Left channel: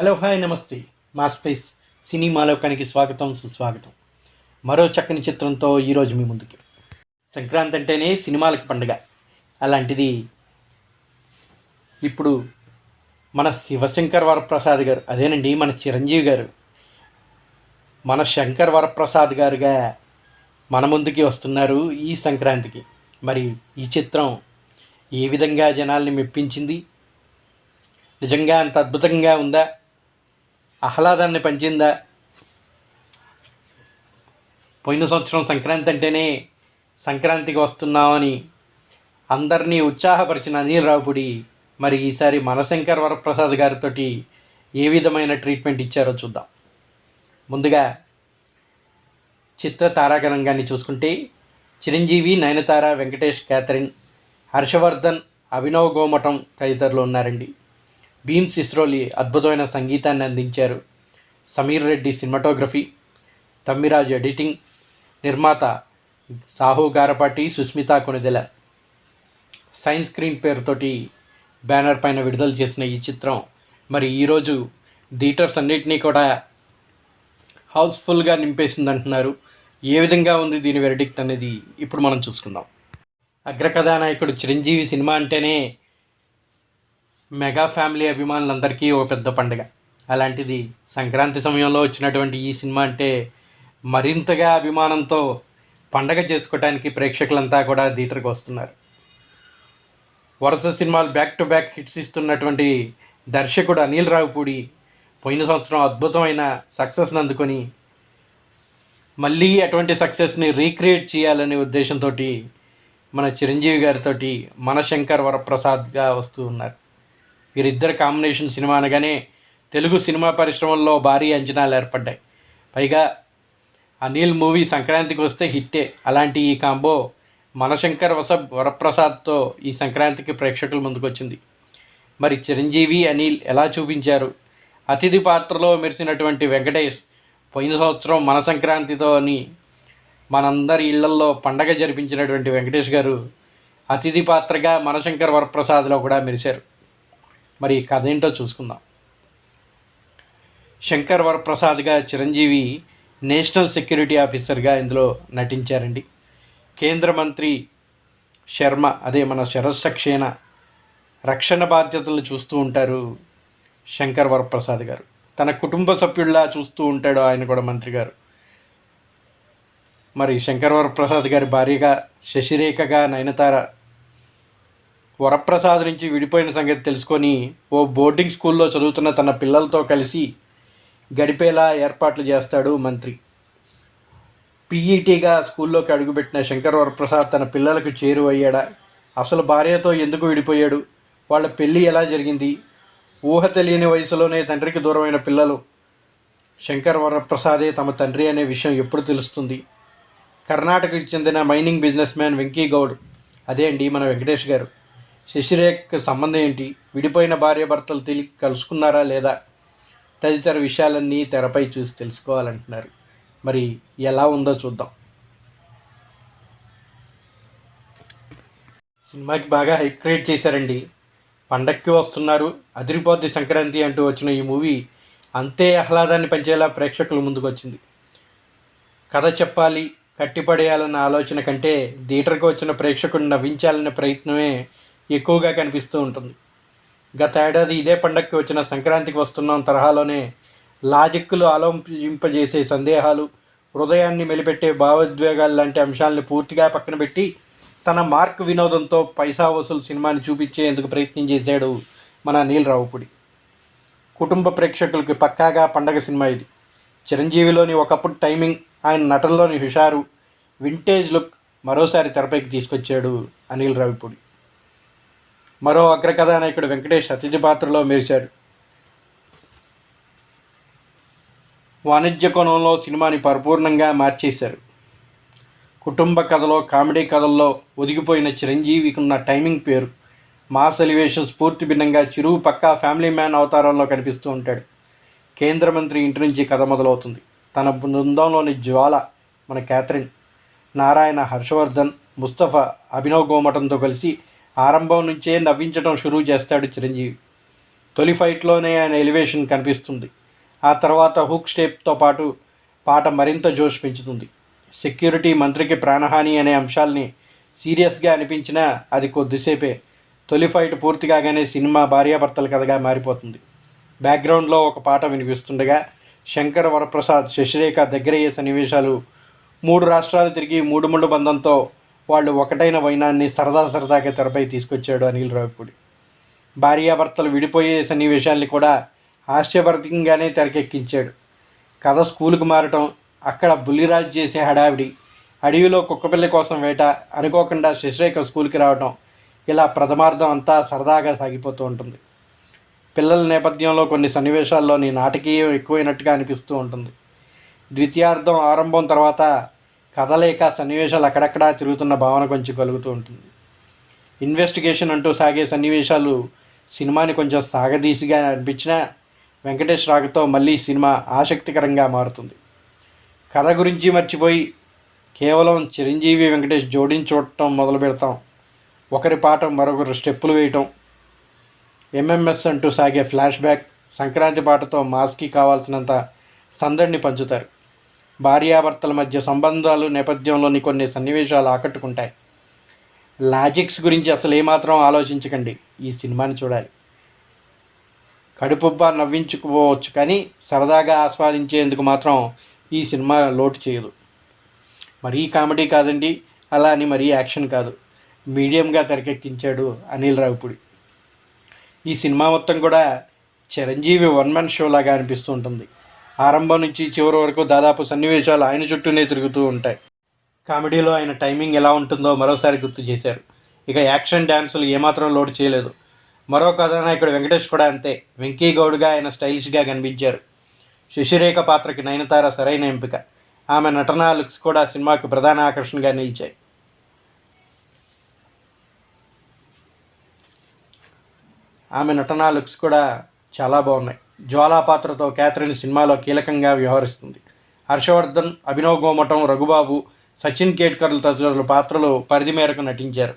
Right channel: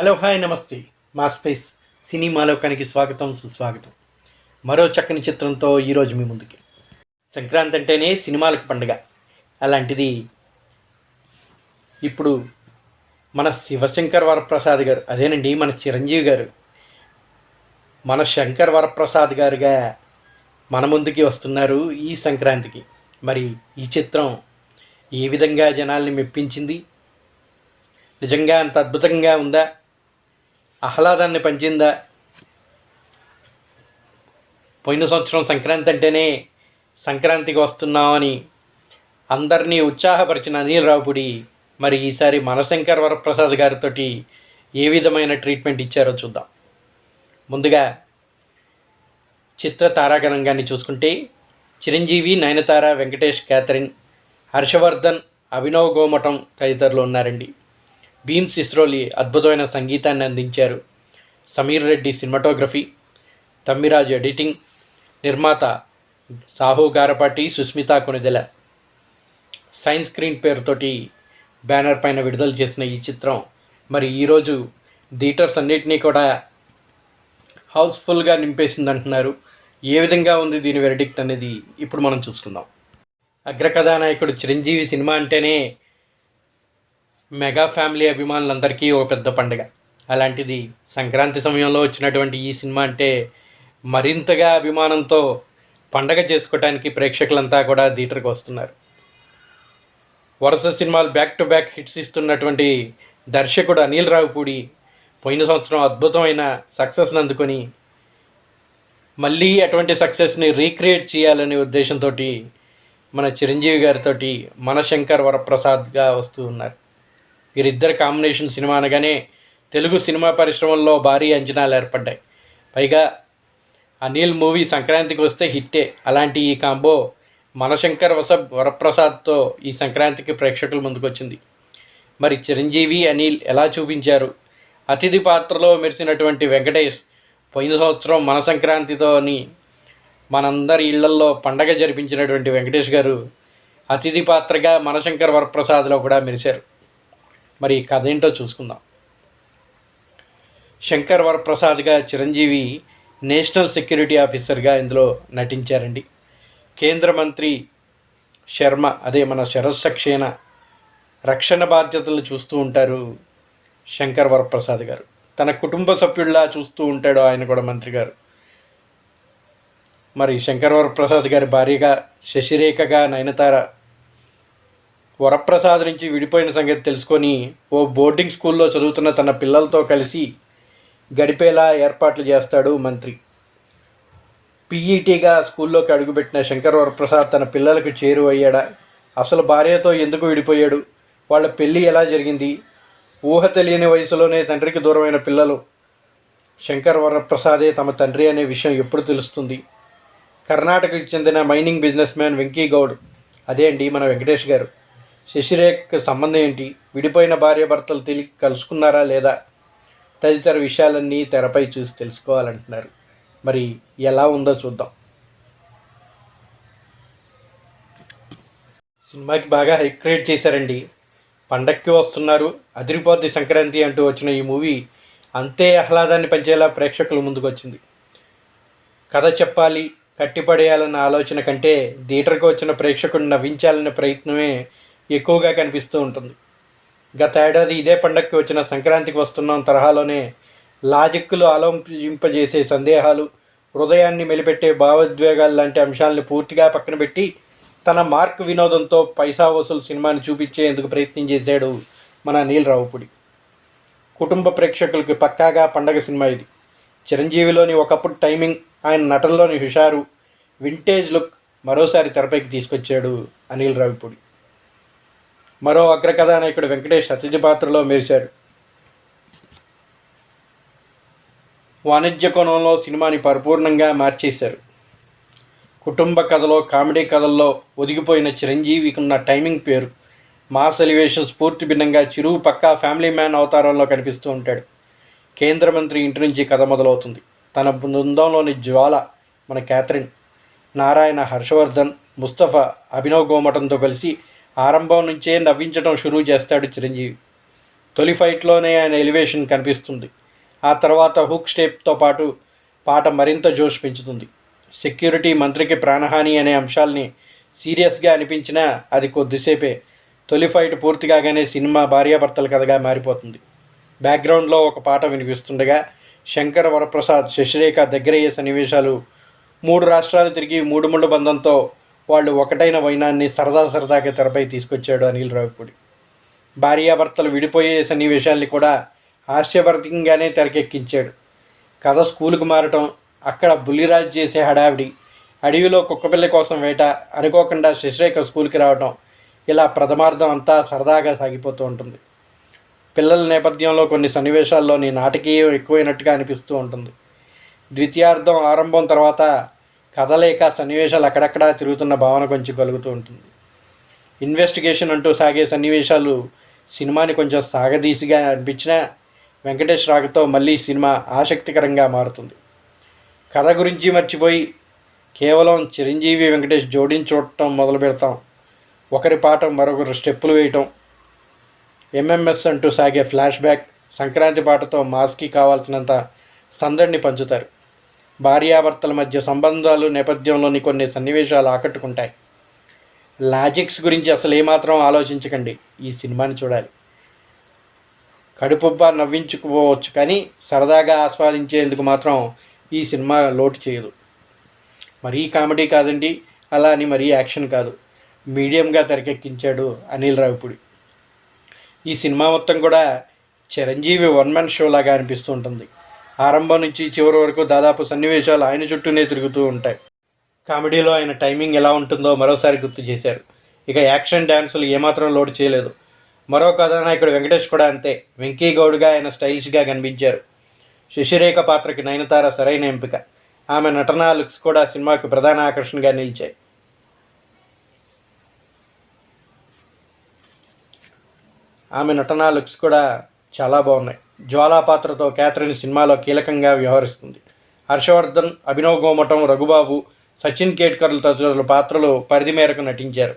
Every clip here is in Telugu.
హలో హాయ్ నమస్తే. మా స్పేస్ సినిమాలోకానికి స్వాగతం సుస్వాగతం. మరో చక్కని చిత్రంతో ఈరోజు మీ ముందుకి. సంక్రాంతి అంటేనే సినిమాలకు పండుగ. అలాంటిది ఇప్పుడు మన శివశంకర్ వరప్రసాద్ గారు అదేనండి మన చిరంజీవి గారు. మన శంకర్ వరప్రసాద్ గారుగా మన ముందుకి వస్తున్నారు ఈ సంక్రాంతికి. మరి ఈ చిత్రం ఏ విధంగా జనాల్ని మెప్పించింది? నిజంగా అంత అద్భుతంగా ఉందా? ఆహ్లాదాన్ని పంచిందా? పోయిన సంవత్సరం సంక్రాంతి అంటేనే సంక్రాంతికి వస్తున్నామని అందరినీ ఉత్సాహపరిచిన అనిల్ రావుపుడి మరి ఈసారి మనశంకర్ వరప్రసాద్ గారితో ఏ విధమైన ట్రీట్మెంట్ ఇచ్చారో చూద్దాం. ముందుగా చిత్ర తారాగణంగాన్ని చూసుకుంటే చిరంజీవి నయనతార వెంకటేష్ క్యాథరిన్ హర్షవర్ధన్ అభినవ్ గోమఠం తదితరులు ఉన్నారండి. భీమ్స్ ఇస్రోలి అద్భుతమైన సంగీతాన్ని అందించారు. సమీర్ రెడ్డి సినిమాటోగ్రఫీ తమ్మిరాజు ఎడిటింగ్ నిర్మాత సాహు గారపాటి సుస్మిత కొనిదెల. సైన్స్ స్క్రీన్ పేరుతోటి బ్యానర్ పైన విడుదల చేసిన ఈ చిత్రం మరి ఈరోజు థియేటర్స్ అన్నిటినీ కూడా హౌస్ఫుల్గా నింపేసింది అంటున్నారు ఏ విధంగా ఉంది దీని వెరడిక్ట్ అనేది ఇప్పుడు మనం చూసుకుందాం. అగ్రకథానాయకుడు చిరంజీవి సినిమా అంటేనే మెగా ఫ్యామిలీ అభిమానులందరికీ ఒక పెద్ద పండుగ. అలాంటిది సంక్రాంతి సమయంలో వచ్చినటువంటి ఈ సినిమా అంటే మరింతగా అభిమానంతో పండగ చేసుకోవడానికి ప్రేక్షకులంతా కూడా థియేటర్కి వస్తున్నారు. వరుస సినిమాలు బ్యాక్ టు బ్యాక్ హిట్స్ ఇస్తున్నటువంటి దర్శకుడు అనిల్ రావుపూడి పోయిన సంవత్సరం అద్భుతమైన సక్సెస్ని అందుకొని మళ్ళీ అటువంటి సక్సెస్ని రీక్రియేట్ చేయాలనే ఉద్దేశంతో మన చిరంజీవి గారితో మన శంకర్ వరప్రసాద్గా వస్తూ ఉన్నారు. వీరిద్దరి కాంబినేషన్ సినిమా అనగానే తెలుగు సినిమా పరిశ్రమల్లో భారీ అంచనాలు ఏర్పడ్డాయి. పైగా అనిల్ మూవీ సంక్రాంతికి వస్తే హిట్టే. అలాంటి ఈ కాంబో మనశంకర్ వస వరప్రసాద్తో ఈ సంక్రాంతికి ప్రేక్షకుల ముందుకొచ్చింది. మరి చిరంజీవి అనిల్ ఎలా చూపించారు? అతిథి పాత్రలో మెరిసినటువంటి వెంకటేష్ పోయిన సంవత్సరం మన సంక్రాంతితోని మనందరి ఇళ్ళల్లో పండగ జరిపించినటువంటి వెంకటేష్ గారు అతిథి పాత్రగా మనశంకర్ వరప్రసాద్లో కూడా మెరిశారు. మరి ఈ కథ ఏంటో చూసుకుందాం. శంకర్ వరప్రసాద్గా చిరంజీవి నేషనల్ సెక్యూరిటీ ఆఫీసర్గా ఇందులో నటించారండి. కేంద్ర మంత్రి శర్మ అదే మన శరస్సక్షేణ రక్షణ బాధ్యతలు చూస్తూ ఉంటారు శంకర్ వరప్రసాద్ గారు. తన కుటుంబ సభ్యుల్లా చూస్తూ ఉంటాడు ఆయన కూడా మంత్రి గారు. మరి శంకర్ వరప్రసాద్ గారి భార్యగా శశిరేఖగా నయనతార వరప్రసాద్ నుంచి విడిపోయిన సంగతి తెలుసుకొని ఓ బోర్డింగ్ స్కూల్లో చదువుతున్న తన పిల్లలతో కలిసి గడిపేలా ఏర్పాట్లు చేస్తాడు మంత్రి. పీఈటీగా స్కూల్లోకి అడుగుపెట్టిన శంకర్ వరప్రసాద్ తన పిల్లలకు చేరువయ్యాడా? అసలు భార్యతో ఎందుకు విడిపోయాడు? వాళ్ళ పెళ్ళి ఎలా జరిగింది? ఊహ తెలియని వయసులోనే తండ్రికి దూరమైన పిల్లలు. శంకర్ వరప్రసాదే తమ తండ్రి అనే విషయం ఎప్పుడు తెలుస్తుంది? కర్ణాటకకి చెందిన mining business man Venky Goud. అదే అండి మన వెంకటేష్ గారు. శశిరేఖకి సంబంధం ఏంటి? విడిపోయిన భార్యాభర్తలు తిరిగి కలుసుకున్నారా లేదా? తదితర విషయాలన్నీ తెరపై చూసి తెలుసుకోవాలంటున్నారు. మరి ఎలా ఉందో చూద్దాం. సినిమాకి బాగా హైప్ క్రియేట్ చేశారండి. పండక్కి వస్తున్నారు. అదిరిపోద్ది సంక్రాంతి అంటూ వచ్చిన ఈ మూవీ అంతే ఆహ్లాదాన్ని పంచేలా ప్రేక్షకుల ముందుకు వచ్చింది. కథ చెప్పాలి కట్టిపడేయాలన్న ఆలోచన కంటే థియేటర్కి వచ్చిన ప్రేక్షకుడిని నవ్వించాలనే ప్రయత్నమే ఎక్కువగా కనిపిస్తూ ఉంటుంది. గత ఏడాది ఇదే పండగకి వచ్చిన సంక్రాంతికి వస్తున్నాం తరహాలోనే లాజిక్లు ఆలోచింపజేసే సందేహాలు హృదయాన్ని మెలిపెట్టే భావోద్వేగాలు లాంటి అంశాలను పూర్తిగా పక్కన పెట్టి తన మార్క్ వినోదంతో పైసా వసూలు సినిమాని చూపించేందుకు ప్రయత్నం చేశాడు మన నీల్ రావుపుడి. కుటుంబ ప్రేక్షకులకి పక్కాగా పండగ సినిమా ఇది. చిరంజీవిలోని ఒకప్పుడు టైమింగ్ ఆయన నటనలోని హుషారు వింటేజ్ లుక్ మరోసారి తెరపైకి తీసుకొచ్చాడు అనిల్ రావిపూడి. మరో అగ్రకథానాయకుడు వెంకటేష్ అతిథి పాత్రలో మెరిశాడు. వాణిజ్య కోణంలో సినిమాని పరిపూర్ణంగా మార్చేశారు. కుటుంబ కథలో కామెడీ కథల్లో ఒదిగిపోయిన చిరంజీవికి ఉన్న టైమింగ్ పేరు మాస్ ఎలివేషన్ స్ఫూర్తి భిన్నంగా చిరువు పక్కా ఫ్యామిలీ మ్యాన్ అవతారంలో కనిపిస్తూ ఉంటాడు. కేంద్ర మంత్రి ఇంటి నుంచి కథ మొదలవుతుంది. తన బృందంలోని జ్వాల మన క్యాథరిన్ నారాయణ హర్షవర్ధన్ ముస్తఫా అభినవ్ గోమటంతో కలిసి ఆరంభం నుంచే నవ్వించడం షురూ చేస్తాడు చిరంజీవి. తొలి ఫైట్లోనే ఆయన ఎలివేషన్ కనిపిస్తుంది. ఆ తర్వాత హుక్ స్టెప్తో పాటు పాట మరింత జోష్ పెంచుతుంది. సెక్యూరిటీ మంత్రికి ప్రాణహాని అనే అంశాల్ని సీరియస్గా అనిపించినా అది కొద్దిసేపే. తొలి ఫైట్ పూర్తి కాగానే సినిమా భార్యాభర్తల కథగా మారిపోతుంది. బ్యాక్గ్రౌండ్లో ఒక పాట వినిపిస్తుండగా శంకర్ వరప్రసాద్ శశిరేఖ దగ్గరయ్యే సన్నివేశాలు మూడు రాష్ట్రాలు తిరిగి మూడు ముళ్ళు బంధంతో వాళ్ళు ఒకటైన వైనాన్ని సరదా సరదాగా తెరపై తీసుకొచ్చాడు అనిల్ రావిపూడి. భార్యాభర్తలు విడిపోయే సన్నివేశాల్ని కూడా హాస్యభరితంగానే తెరకెక్కించాడు. కథ స్కూలుకు మారటం అక్కడ బుల్లిరాజ్ చేసే హడావిడి అడవిలో కుక్కపిల్ల కోసం వేట అనుకోకుండా శశిరేఖ స్కూల్కి రావటం ఇలా ప్రథమార్థం అంతా సరదాగా సాగిపోతూ ఉంటుంది. పిల్లల నేపథ్యంలో కొన్ని సన్నివేశాల్లోని నాటకీయం ఎక్కువైనట్టుగా అనిపిస్తూ ఉంటుంది. ద్వితీయార్థం ఆరంభం తర్వాత కథ లేక సన్నివేశాలు అక్కడక్కడా తిరుగుతున్న భావన కొంచెం కలుగుతూ ఉంటుంది. ఇన్వెస్టిగేషన్ అంటూ సాగే సన్నివేశాలు సినిమాని కొంచెం సాగదీసిగా అనిపించినా వెంకటేష్ రాకతో మళ్ళీ సినిమా ఆసక్తికరంగా మారుతుంది. కథ గురించి మర్చిపోయి కేవలం చిరంజీవి వెంకటేష్ జోడించి చూడటం మొదలు పెడతాం. ఒకరి పాఠం మరొకరు స్టెప్పులు వేయటం. ఎంఎంఎస్ అంటూ సాగే ఫ్లాష్ బ్యాక్ సంక్రాంతి పాటతో మాస్కి కావాల్సినంత సందడిని పంచుతారు భార్యాభర్తల మధ్య సంబంధాలు నేపథ్యంలోని కొన్ని సన్నివేశాలు ఆకట్టుకుంటాయి. లాజిక్స్ గురించి అసలు ఏమాత్రం ఆలోచించకండి. ఈ సినిమాని చూడాలి. కడుపుబ్బ నవ్వించుకోవచ్చు కానీ సరదాగా ఆస్వాదించేందుకు మాత్రం ఈ సినిమా లోటు చేయదు. మరీ కామెడీ కాదండి అలా అని మరీ యాక్షన్ కాదు. మీడియంగా తెరకెక్కించాడు అనిల్ రావిపుడి ఈ సినిమా మొత్తం కూడా చిరంజీవి వన్ మ్యాన్ షో లాగా అనిపిస్తూ ఉంటుంది. ఆరంభం నుంచి చివరి వరకు దాదాపు సన్నివేశాలు ఆయన చుట్టూనే తిరుగుతూ ఉంటాయి. కామెడీలో ఆయన టైమింగ్ ఎలా ఉంటుందో మరోసారి గుర్తు చేశారు. ఇక యాక్షన్ డ్యాన్సులు ఏమాత్రం లోడ్ చేయలేదు. మరో కథానాయకుడు వెంకటేష్ కూడా అంతే. వెంకీ గౌడ్గా ఆయన స్టైలిష్గా కనిపించారు. శశిరేఖ పాత్రకి నయనతార సరైన ఎంపిక. ఆమె నటనా లుక్స్ కూడా సినిమాకి ప్రధాన ఆకర్షణగా నిలిచాయి. ఆమె నటనా లుక్స్ కూడా చాలా బాగున్నాయి. జ్వాలా పాత్రతో క్యాథరిన్ సినిమాలో కీలకంగా వ్యవహరిస్తుంది. హర్షవర్ధన్ అభినవ్ గోమటం రఘుబాబు సచిన్ కేట్కర్ల తదితరుల పాత్రలు పరిధి మేరకు నటించారు.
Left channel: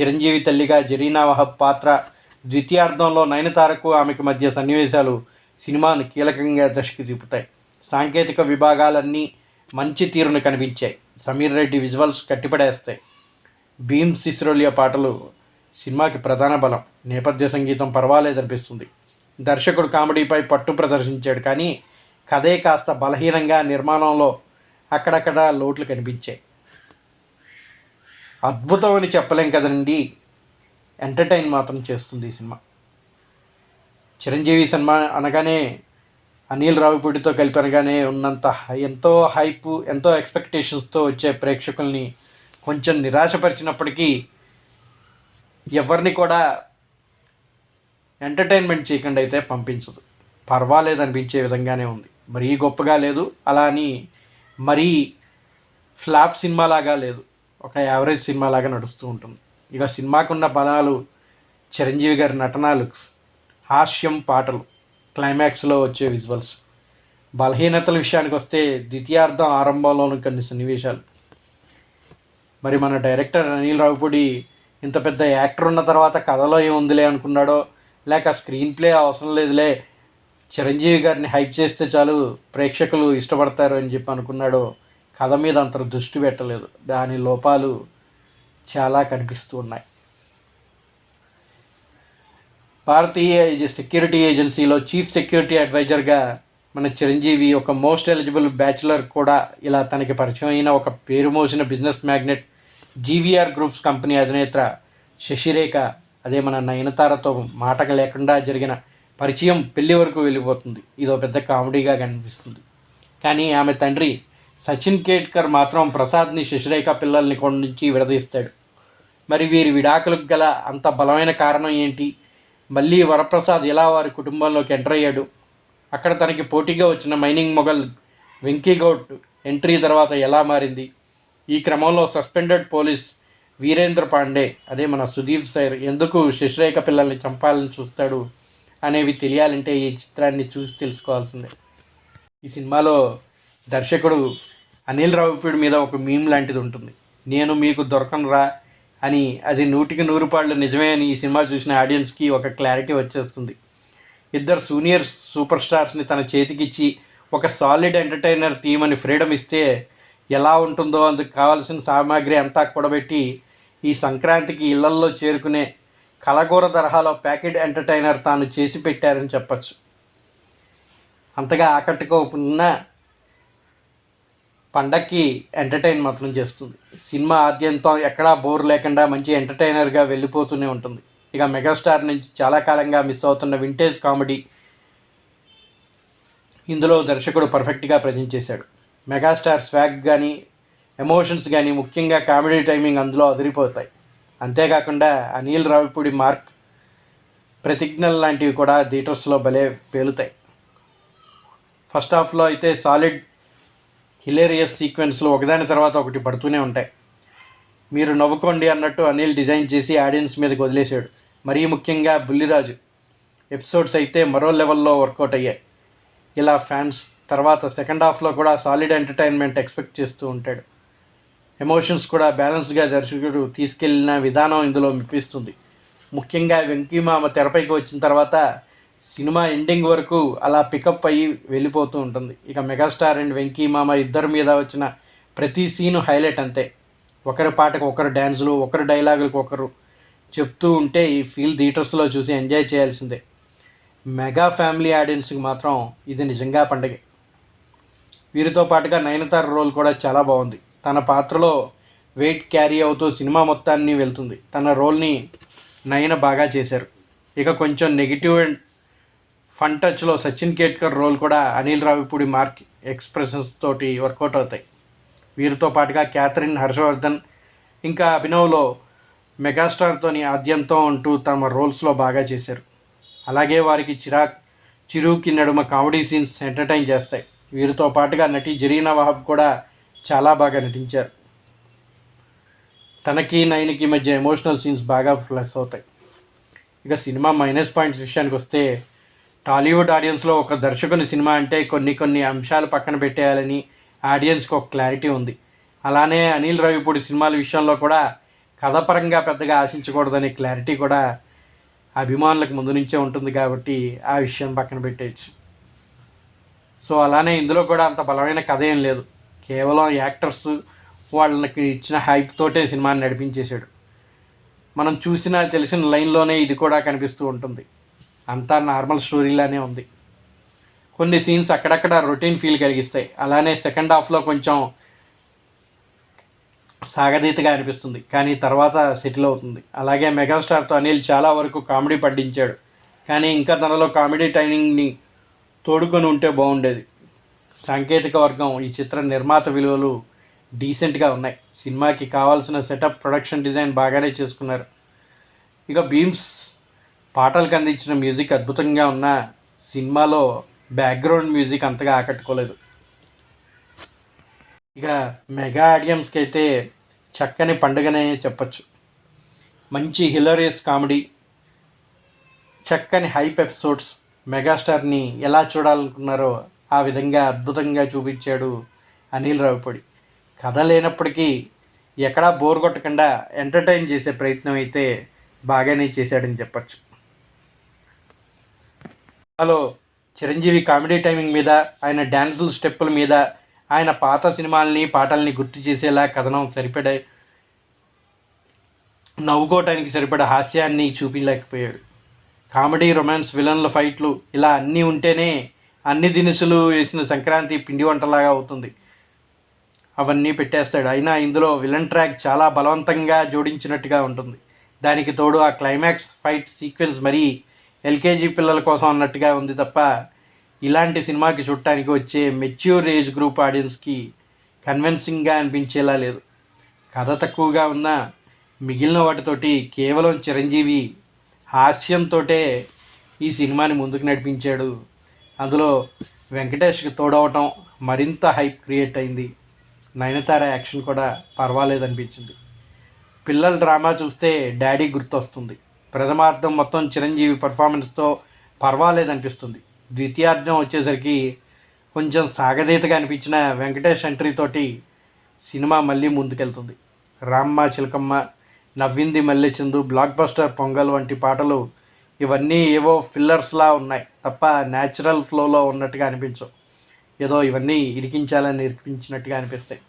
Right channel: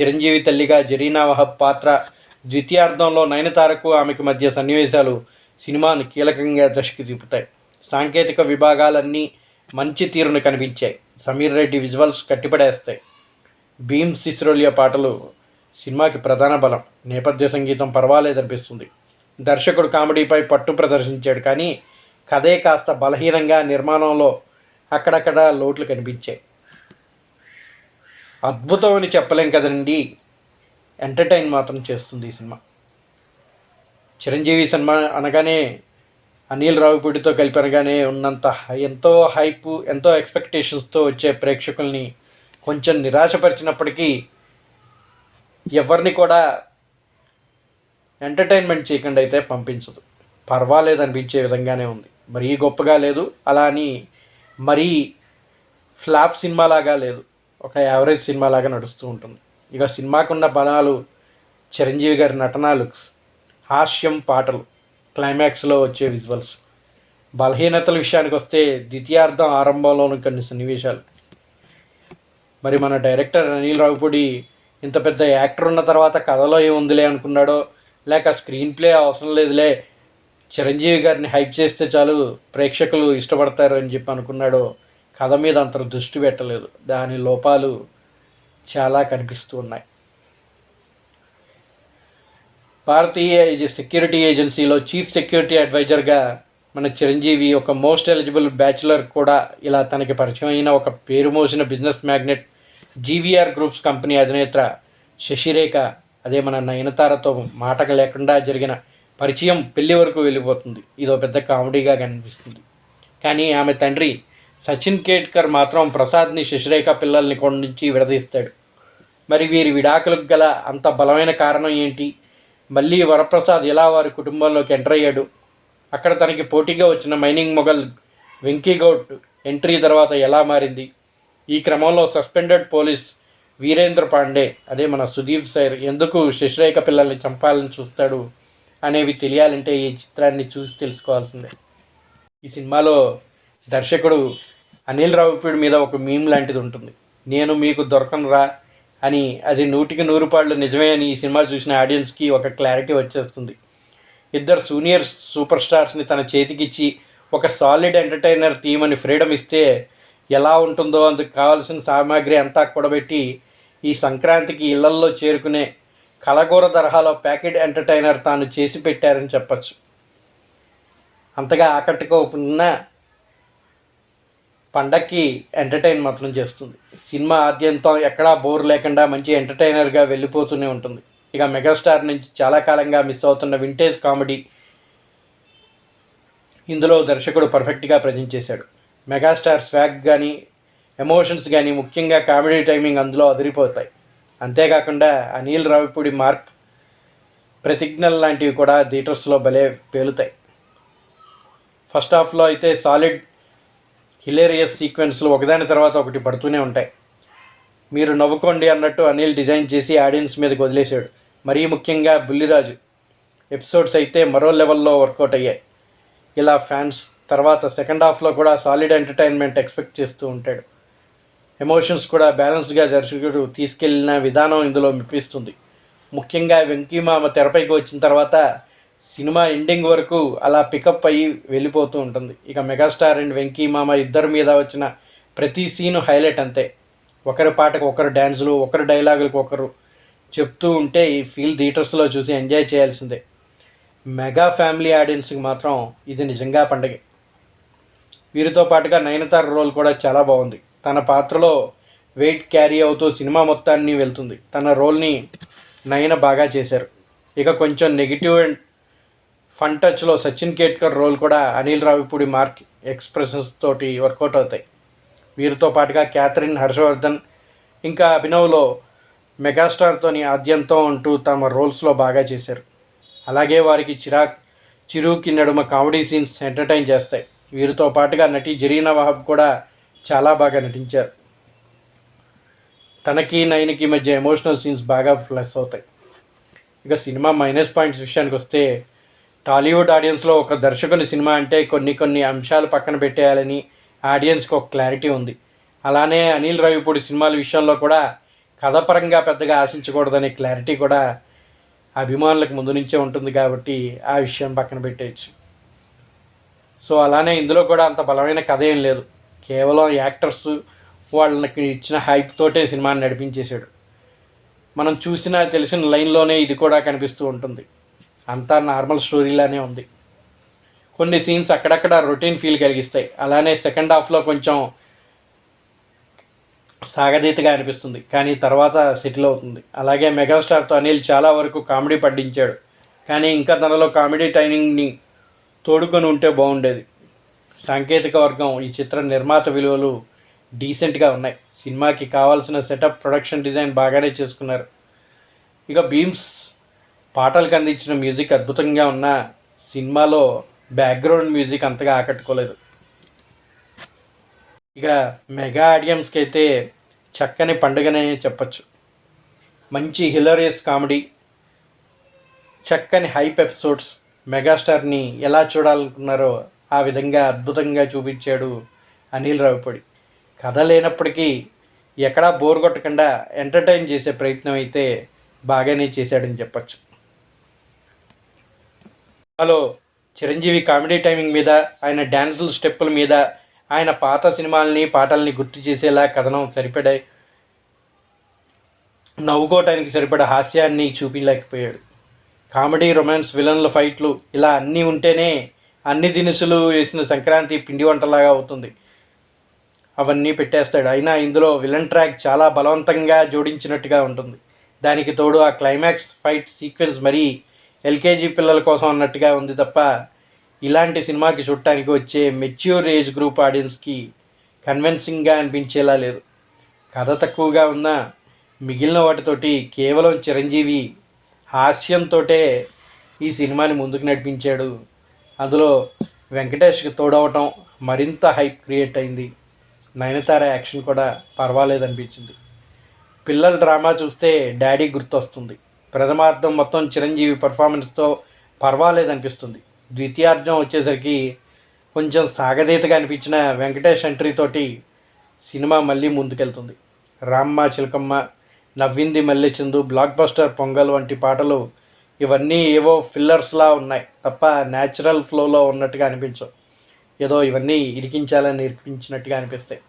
చిరంజీవి తల్లిగా జరీనా వహబ్ పాత్ర ద్వితీయార్థంలో నయనతారకు ఆమెకు మధ్య సన్నివేశాలు సినిమాను కీలకంగా దృష్టికి తిప్పుతాయి. సాంకేతిక విభాగాలన్నీ మంచి తీరును కనిపించాయి. సమీర్ రెడ్డి విజువల్స్ కట్టిపడేస్తాయి. భీమ్ సిస్రోలియా పాటలు సినిమాకి ప్రధాన బలం. నేపథ్య సంగీతం పర్వాలేదనిపిస్తుంది. దర్శకుడు కామెడీపై పట్టు ప్రదర్శించాడు కానీ కథే కాస్త బలహీనంగా నిర్మాణంలో అక్కడక్కడ లోట్లు కనిపించాయి. అద్భుతం అని చెప్పలేం కదండి. ఎంటర్టైన్ మాత్రం చేస్తుంది ఈ సినిమా. చిరంజీవి సినిమా అనగానే అనిల్ రావుపూడితో కలిపి అనగానే ఉన్నంత ఎంతో హైప్ ఎంతో ఎక్స్పెక్టేషన్స్తో వచ్చే ప్రేక్షకుల్ని కొంచెం నిరాశపరిచినప్పటికీ ఎవరిని కూడా ఎంటర్టైన్మెంట్ చేయకుండా అయితే పంపించదు. పర్వాలేదు అనిపించే విధంగానే ఉంది. మరీ గొప్పగా లేదు అలా అని మరీ ఫ్లాప్ సినిమాలాగా లేదు. ఒక యావరేజ్ సినిమాలాగా నడుస్తూ ఉంటుంది. ఇక సినిమాకున్న బలాలు చిరంజీవి గారి నటనా లుక్స్ హాస్యం పాటలు క్లైమాక్స్లో వచ్చే విజువల్స్ బలహీనతల విషయానికి వస్తే ద్వితీయార్థం ఆరంభంలోని కొన్ని సన్నివేశాలు. మరి మన డైరెక్టర్ అనిల్ రావుపూడి ఇంత పెద్ద యాక్టర్ ఉన్న తర్వాత కథలో ఏముందిలే అనుకున్నాడో లేక స్క్రీన్ ప్లే అవసరం లేదులే. చిరంజీవి గారిని హైప్ చేస్తే చాలు ప్రేక్షకులు ఇష్టపడతారు అని చెప్పి అనుకున్నాడో. కథ మీద అంత దృష్టి పెట్టలేదు. దాని లోపాలు చాలా కనిపిస్తూ ఉన్నాయి. భారతీయ సెక్యూరిటీ ఏజెన్సీలో చీఫ్ సెక్యూరిటీ అడ్వైజర్గా మన చిరంజీవి ఒక మోస్ట్ ఎలిజిబుల్ బ్యాచులర్ కూడా. ఇలా తనకి పరిచయం అయిన ఒక పేరు మోసిన business magnet GVR groups company అధినేత శశిరేఖ అదే మన నయనతారతో మాట లేకుండా జరిగిన పరిచయం పెళ్ళి వరకు వెళ్ళిపోతుంది. ఇదో పెద్ద కామెడీగా కనిపిస్తుంది. కానీ ఆమె తండ్రి సచిన్ కేట్కర్ మాత్రం ప్రసాద్ని శశిరేఖ పిల్లల్ని కొండ నుంచి విడదీస్తాడు. మరి వీరి విడాకులకు గల అంత బలమైన కారణం ఏంటి? మళ్ళీ వరప్రసాద్ ఎలా వారి కుటుంబంలోకి ఎంటర్ అయ్యాడు? అక్కడ తనకి పోటీగా వచ్చిన మైనింగ్ మొఘల్ వెంకీగౌడ్ ఎంట్రీ తర్వాత ఎలా మారింది? ఈ క్రమంలో సస్పెండెడ్ పోలీస్ వీరేంద్ర పాండే అదే మన సుదీప్ సైర్ ఎందుకు శశిరేఖ పిల్లల్ని చంపాలని చూస్తాడు అనేవి తెలియాలంటే ఈ చిత్రాన్ని చూసి తెలుసుకోవాల్సిందే. ఈ సినిమాలో దర్శకుడు అనిల్ రావుపూడి మీద ఒక మీమ్ లాంటిది ఉంటుంది. నేను మీకు దొరకనురా అని అది నూటికి నూరు పాళ్ళు నిజమే అని ఈ సినిమా చూసిన ఆడియన్స్కి ఒక క్లారిటీ వచ్చేస్తుంది. ఇద్దరు సూనియర్ సూపర్ స్టార్స్ని తన చేతికిచ్చి ఒక సాలిడ్ ఎంటర్టైనర్ టీం అని ఫ్రీడమ్ ఇస్తే ఎలా ఉంటుందో అందుకు కావాల్సిన సామాగ్రి అంతా కూడబెట్టి ఈ సంక్రాంతికి ఇళ్ళల్లో చేరుకునే కలగూర తరహాలో ప్యాకెట్ ఎంటర్టైనర్ తాను చేసి పెట్టారని చెప్పచ్చు. అంతగా ఆకట్టుకోకుండా పండక్కి ఎంటర్టైన్ మాత్రం చేస్తుంది. సినిమా ఆద్యంతం ఎక్కడా బోర్ లేకుండా మంచి ఎంటర్టైనర్గా వెళ్ళిపోతూనే ఉంటుంది. ఇక మెగాస్టార్ నుంచి చాలా కాలంగా మిస్ అవుతున్న వింటేజ్ కామెడీ ఇందులో దర్శకుడు పర్ఫెక్ట్గా ప్రజెంట్ చేశాడు. మెగాస్టార్ స్వాగ్ కానీ ఎమోషన్స్ కానీ ముఖ్యంగా కామెడీ టైమింగ్ అందులో అదిరిపోతాయి. అంతేకాకుండా అనిల్ రావిపూడి మార్క్ ప్రతిజ్ఞలు లాంటివి కూడా థియేటర్స్లో భలే పేలుతాయి. ఫస్ట్ హాఫ్లో అయితే సాలిడ్ హిలేరియస్ సీక్వెన్స్లు ఒకదాని తర్వాత ఒకటి పడుతూనే ఉంటాయి. మీరు నవ్వుకోండి అన్నట్టు అనిల్ డిజైన్ చేసి ఆడియన్స్ మీదకి వదిలేశాడు. మరీ ముఖ్యంగా బుల్లిరాజు. ఎపిసోడ్స్ అయితే మరో లెవెల్లో వర్కౌట్ అయ్యాయి. ఇలా ఫ్యాన్స్ తర్వాత సెకండ్ హాఫ్లో కూడా సాలిడ్ ఎంటర్టైన్మెంట్ ఎక్స్పెక్ట్ చేస్తూ ఉంటాడు. ఎమోషన్స్ కూడా బ్యాలెన్స్గా దర్శకుడు తీసుకెళ్ళిన విధానం ఇందులో మెప్పిస్తుంది. ముఖ్యంగా వెంకీమామ తెరపైకి వచ్చిన తర్వాత సినిమా ఎండింగ్ వరకు అలా పికప్ అయ్యి వెళ్ళిపోతూ ఉంటుంది. ఇక మెగాస్టార్ అండ్ వెంకీమామ ఇద్దరి మీద వచ్చిన ప్రతి సీను హైలైట్ అంతే. ఒకరి పాటకు ఒకరు డ్యాన్సులు ఒకరి డైలాగులకు ఒకరు చెప్తూ ఉంటే ఈ ఫీల్ థియేటర్స్లో చూసి ఎంజాయ్ చేయాల్సిందే. మెగా ఫ్యామిలీ ఆడియన్స్కి మాత్రం ఇది నిజంగా పండగే. వీరితో పాటుగా నయనతార రోల్ కూడా చాలా బాగుంది. తన పాత్రలో వెయిట్ క్యారీ అవుతూ సినిమా మొత్తాన్ని వెళ్తుంది. తన రోల్ని నయన బాగా చేశారు. ఇక కొంచెం నెగిటివ్ అండ్ ఫన్ టచ్లో సచిన్ కేట్కర్ రోల్ కూడా అనిల్ రావిపూడి మార్క్ ఎక్స్ప్రెషన్స్ తోటి వర్కౌట్ అవుతాయి. వీరితో పాటుగా క్యాథరిన్ హర్షవర్ధన్ ఇంకా అభినవ్లో మెగాస్టార్తోని ఆద్యంతం అంటూ తమ రోల్స్లో బాగా చేశారు. అలాగే వారికి చిరాక్ చిరుకి నడుమ కామెడీ సీన్స్ ఎంటర్టైన్ చేస్తాయి. వీరితో పాటుగా నటి జరీనా వహబ్ కూడా చాలా బాగా నటించారు. తనకి నయనికి మధ్య ఎమోషనల్ సీన్స్ బాగా ప్లస్ అవుతాయి. ఇక సినిమా మైనస్ పాయింట్స్ విషయానికి వస్తే టాలీవుడ్ ఆడియన్స్లో ఒక దర్శకుని సినిమా అంటే కొన్ని కొన్ని అంశాలు పక్కన పెట్టేయాలని ఆడియన్స్కి ఒక క్లారిటీ ఉంది. అలానే అనిల్ రవిపూడి సినిమాల విషయంలో కూడా కథపరంగా పెద్దగా ఆశించకూడదనే క్లారిటీ కూడా అభిమానులకు ముందు నుంచే ఉంటుంది కాబట్టి ఆ విషయం పక్కన పెట్టేయచ్చు. సో అలానే ఇందులో కూడా అంత బలమైన కథ ఏం లేదు. కేవలం యాక్టర్స్ వాళ్ళకి ఇచ్చిన హైప్ తోటే సినిమాని నడిపించేశాడు. మనం చూసిన తెలిసిన లైన్లోనే ఇది కూడా కనిపిస్తూ ఉంటుంది. అంతా నార్మల్ స్టోరీలానే ఉంది. కొన్ని సీన్స్ అక్కడక్కడ రొటీన్ ఫీల్ కలిగిస్తాయి. అలానే సెకండ్ హాఫ్లో కొంచెం సాగదీతగా అనిపిస్తుంది. కానీ తర్వాత సెటిల్ అవుతుంది. అలాగే మెగాస్టార్తో అనిల్ చాలా వరకు కామెడీ పడ్డించాడు కానీ ఇంకా తనలో కామెడీ టైమింగ్ని తోడుకొని ఉంటే బాగుండేది. సాంకేతిక వర్గం ఈ చిత్ర నిర్మాత విలువలు డీసెంట్గా ఉన్నాయి. సినిమాకి కావాల్సిన సెటప్ ప్రొడక్షన్ డిజైన్ బాగానే చేసుకున్నారు. ఇక బీమ్స్ పాటలకు అందించిన మ్యూజిక్ అద్భుతంగా ఉన్న సినిమాలో బ్యాక్గ్రౌండ్ మ్యూజిక్ అంతగా ఆకట్టుకోలేదు. ఇక మెగా ఆడియన్స్కి అయితే చక్కని పండుగనే చెప్పచ్చు. మంచి హిలరియస్ కామెడీ చక్కని హైప్ ఎపిసోడ్స్ మెగాస్టార్ని ఎలా చూడాలనుకున్నారో ఆ విధంగా అద్భుతంగా చూపించాడు అనిల్ రావిపూడి కథ లేనప్పటికీ ఎక్కడా బోర్ కొట్టకుండా ఎంటర్టైన్ చేసే ప్రయత్నం అయితే బాగానే చేశాడని చెప్పచ్చు. హలో చిరంజీవి కామెడీ టైమింగ్ మీద ఆయన డ్యాన్సుల స్టెప్పుల మీద ఆయన పాత సినిమాలని పాటల్ని గుర్తు చేసేలా కథనం సరిపడే నవ్వుకోవటానికి సరిపడే హాస్యాన్ని చూపించలేకపోయాడు. కామెడీ రొమాన్స్ విలన్ల ఫైట్లు ఇలా అన్నీ ఉంటేనే అన్ని దినుసులు వేసిన సంక్రాంతి పిండి వంటలాగా అవుతుంది. అవన్నీ పెట్టేస్తాడు. అయినా ఇందులో విలన్ ట్రాక్ చాలా బలవంతంగా జోడించినట్టుగా ఉంటుంది. దానికి తోడు ఆ క్లైమాక్స్ ఫైట్ సీక్వెన్స్ మరీ ఎల్కేజీ పిల్లల కోసం అన్నట్టుగా ఉంది తప్ప ఇలాంటి సినిమాకి చూడటానికి వచ్చే మెచ్యూర్ ఏజ్ గ్రూప్ ఆడియన్స్కి కన్విన్సింగ్గా అనిపించేలా లేదు. కథ తక్కువగా ఉన్న మిగిలిన వాటితోటి కేవలం చిరంజీవి హాస్యంతోటే ఈ సినిమాని ముందుకు నడిపించాడు. అందులో వెంకటేష్కి తోడవటం మరింత హైప్ క్రియేట్ అయింది. నయనతార యాక్షన్ కూడా పర్వాలేదు అనిపించింది పిల్లల డ్రామా చూస్తే డాడీ గుర్తొస్తుంది. ప్రథమార్థం మొత్తం చిరంజీవి పర్ఫార్మెన్స్తో పర్వాలేదు అనిపిస్తుంది ద్వితీయార్థం వచ్చేసరికి కొంచెం సాగదీతగా అనిపించిన వెంకటేష్ ఎంట్రీ తోటి సినిమా మళ్ళీ ముందుకెళ్తుంది. రామ్మ చిలకమ్మ నవ్వింది మల్లెచందు బ్లాక్ బస్టర్ పొంగల్ వంటి పాటలు ఇవన్నీ ఏవో ఫిల్లర్స్లా ఉన్నాయి. తప్ప న్యాచురల్ ఫ్లోలో ఉన్నట్టుగా అనిపించవు. ఏదో ఇవన్నీ ఇరికించాలని ఇరికించినట్టుగా అనిపిస్తాయి.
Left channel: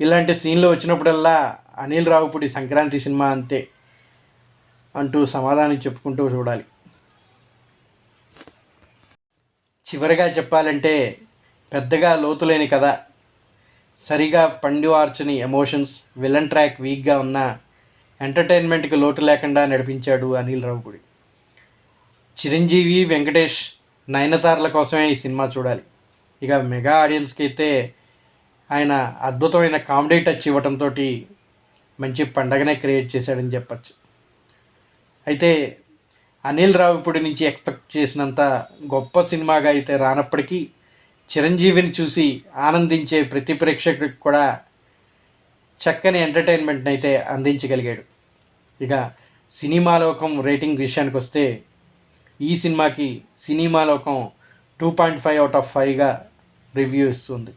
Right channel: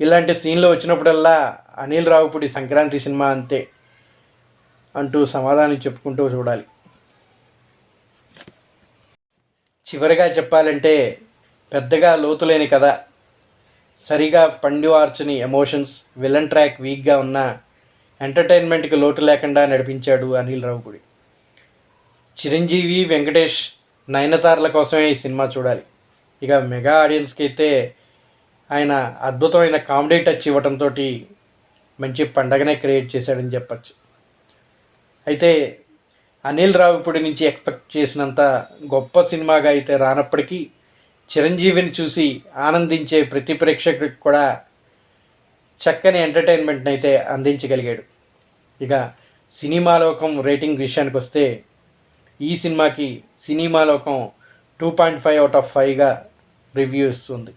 ఇలాంటి సీన్లు వచ్చినప్పుడల్లా అనిల్ రావుపూడి సంక్రాంతి సినిమా అంతే అంటూ సమాధానం చెప్పుకుంటూ చూడాలి. చివరిగా చెప్పాలంటే పెద్దగా లోతులేని కథ. సరిగా పండివార్చని ఎమోషన్స్ విలన్ ట్రాక్ వీక్గా ఉన్న ఎంటర్టైన్మెంట్కి లోటు లేకుండా నడిపించాడు అనిల్ రావుపూడి చిరంజీవి వెంకటేష్ నయనతారల కోసమే ఈ సినిమా చూడాలి. ఇక మెగా ఆడియన్స్కి అయితే ఆయన అద్భుతమైన కామెడీ టచ్ ఇవ్వడంతో మంచి పండగనే క్రియేట్ చేశాడని చెప్పచ్చు. అయితే అనిల్ రావిపూడి నుంచి ఎక్స్పెక్ట్ చేసినంత గొప్ప సినిమాగా అయితే రానప్పటికీ చిరంజీవిని చూసి ఆనందించే ప్రతి ప్రేక్షకుడికి కూడా చక్కని ఎంటర్టైన్మెంట్ని అయితే అందించగలిగాడు. ఇక సినిమాలోకం రేటింగ్ విషయానికి వస్తే ఈ సినిమాకి సినిమాలోకం two point five out of ఫైవ్గా review ఇస్తుంది.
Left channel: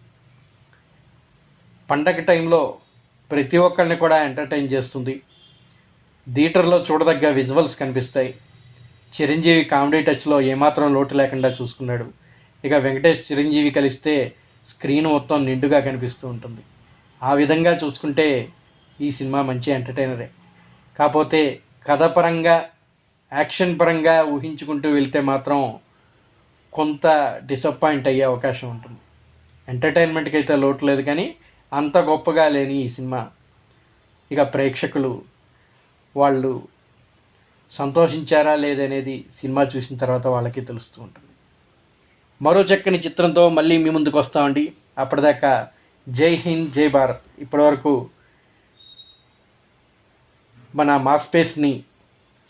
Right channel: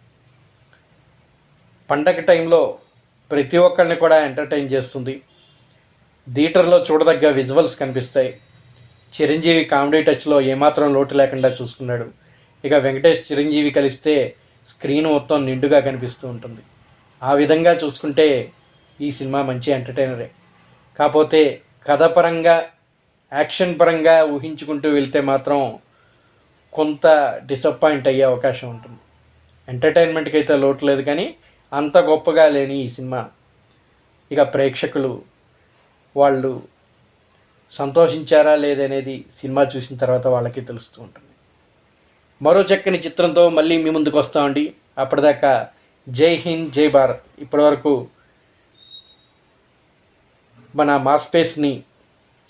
పండగ టైంలో ప్రతి ఒక్కరిని కూడా ఎంటర్టైన్ చేస్తుంది. థియేటర్లో చూడదగ్గ విజువల్స్ కనిపిస్తాయి. చిరంజీవి కామెడీ టచ్లో ఏమాత్రం లోటు లేకుండా చూసుకున్నాడు. ఇక వెంకటేష్ చిరంజీవి కలిస్తే స్క్రీన్ మొత్తం నిండుగా కనిపిస్తూ ఉంటుంది. ఆ విధంగా చూసుకుంటే ఈ సినిమా మంచి ఎంటర్టైనరే. కాకపోతే కథ పరంగా యాక్షన్ పరంగా ఊహించుకుంటూ వెళ్తే మాత్రం కొంత డిసప్పాయింట్ అయ్యే అవకాశం ఉంటుంది. ఎంటర్టైన్మెంట్కి అయితే లోటు లేదు కానీ అంత గొప్పగా లేని ఈ సినిమా. ఇక ప్రేక్షకులు వాళ్ళు సంతోషించారా లేదనేది సినిమా చూసిన తర్వాత వాళ్ళకి తెలుస్తూ ఉంటుంది. మరో చక్కని చిత్రంతో మళ్ళీ మీ ముందుకు వస్తామండి. అప్పటిదాకా జై హింద్ జై భారత్. ఇప్పటివరకు మన మా స్పేస్ని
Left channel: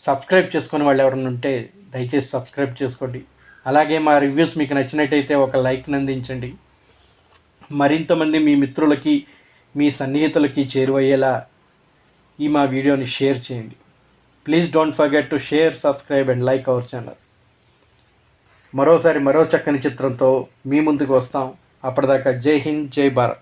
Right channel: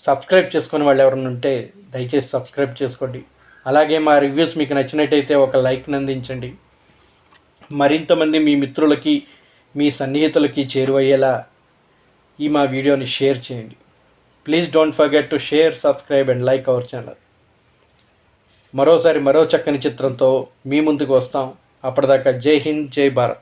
సబ్స్క్రైబ్ చేసుకునే వాళ్ళు ఎవరైనా ఉంటే దయచేసి సబ్స్క్రైబ్ చేసుకోండి. అలాగే మా రివ్యూస్ మీకు నచ్చినట్టయితే ఒక లైక్ని అందించండి. మరింతమంది మీ మిత్రులకి మీ సన్నిహితులకి చేరువయ్యేలా ఈ మా వీడియోని షేర్ చేయండి. Please don't forget to share subscribe and like our channel. మరోసారి మరో చక్కని చిత్రంతో మీ ముందుకు వస్తాం. అప్పటిదాకా జై హింద్ జై భారత్.